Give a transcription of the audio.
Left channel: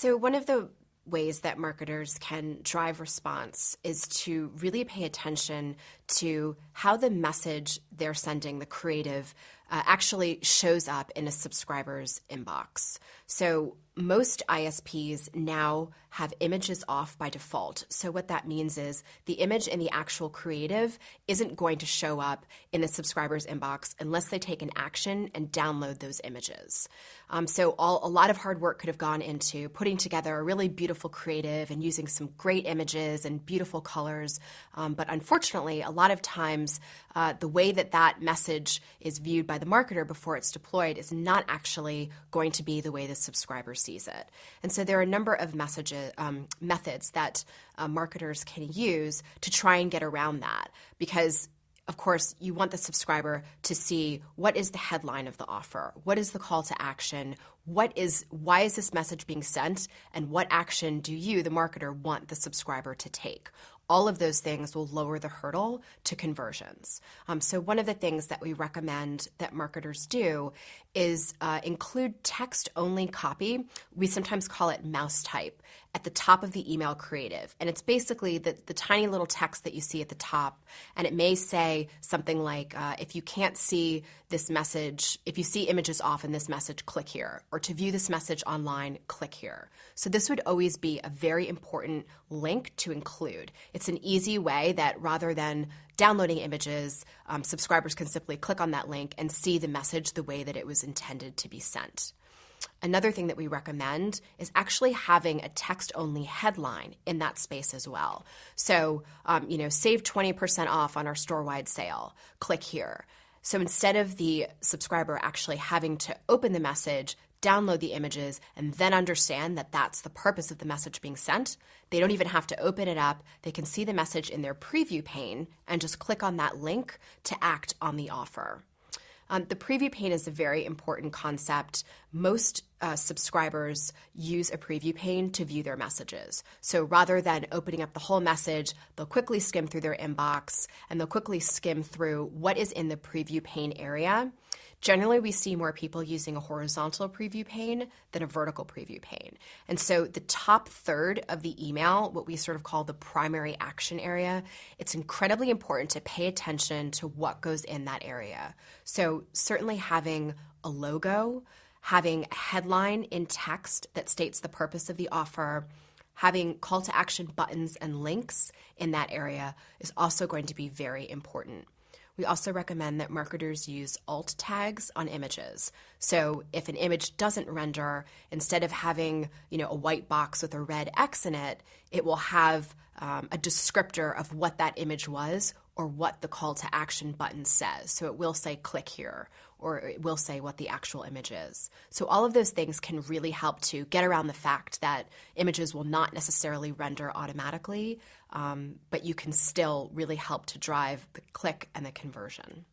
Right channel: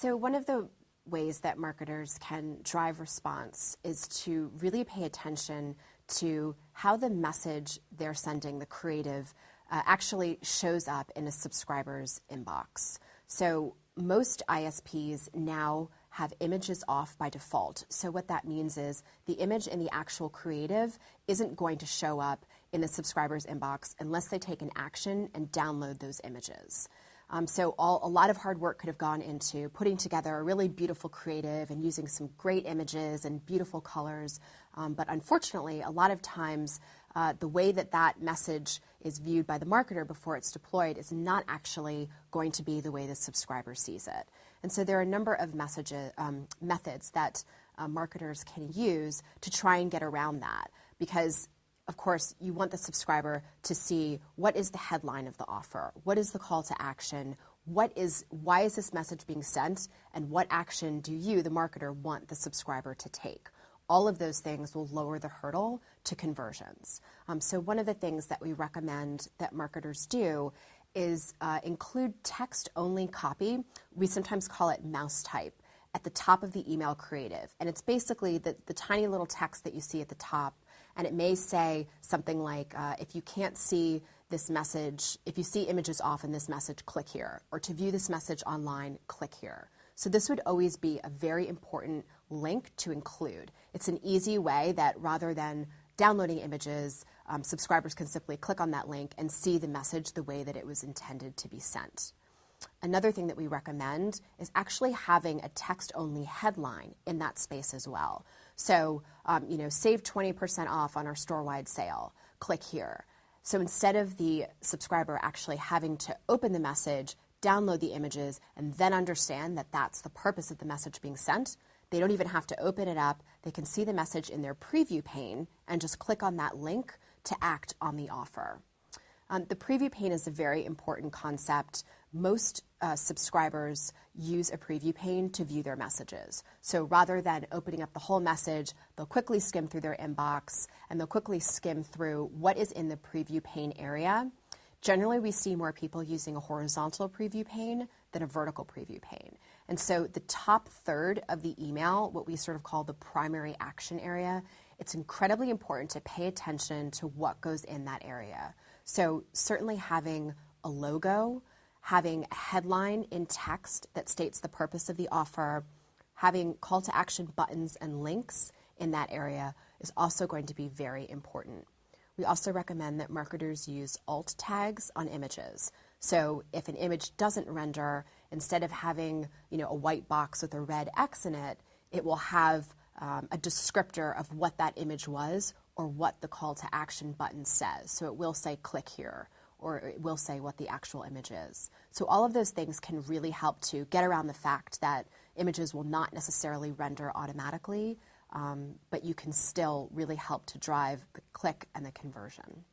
So one of the ways that marketers can drive response is to really pay attention to how the message they're sending, the creative, actually shows up in a subscriber's inbox. So most ISPs now have images off by default. So what that means is the image in the actual creative isn't going to show up in the subscriber's inbox unless they take an action and download those images. So a lot of hard work could have gone into putting together a really beautiful creative and using some great images and beautiful colors. But unfortunately, a lot of times the way that that message is viewed by the marketer before it's deployed is not actually going to be the way the subscriber sees it. And so there are a number of methods that marketers can use to try and get around that, because of course, you want the subscriber to see what is the headline of the offer, what is the call to action, why is this message being sent, and what action do you, the marketer, want the subscriber to take. All of those things will lower the hurdle to conversions. So one of the things that we recommend that marketers do is include text-only copy. We sometimes call it mouse type at the top of the email creative. And it's basically the tiny little text that you see at the top. And it may say something like, if you can't see this message, if you see images off in this message, click here. Or to view this message online, click here. So this would always be a very important link to include. It's an easy way that rather than downloading images, subscribers can simply click on that link and see the message the way that it was intended to be sent. Another thing that we recommend is actually having a text-only headline in that space as well. So, save 20% off on our store-wide sale. Click here. So instead of the subscriber actually having to open the message, download the images, and then understand that that's the purpose of the message being sent, they don't even have to open it up. They can see the message in their preview pane and just click on that link to act on the offer. The preview pane is a very important concept. Most subscribers use a preview pane to view their messages. So rather than opening up the whole message, they'll quickly skim through their inbox and they'll quickly skim through what is in the preview pane area. Generally, we see more people using a horizontal preview pane than a vertical preview pane. And so the top third of the email, what we sort of call the primary action area, it's incredibly important to pay attention to what goes in that area. So certainly having a logo, having a headline in text that states the purpose of the offer, having call to action buttons and links in that area is also going to be very important. We also recommend that marketers use alt tags on images. So if an image doesn't render, instead of having a white box with a red X in it, it will have a descriptor of what that image was or what the call to action button says. So it will say click here, or it will say what the actual image is. So all of those things can really help to get around the fact that images will not necessarily render automatically, but you can still really help to drive the click and the conversion.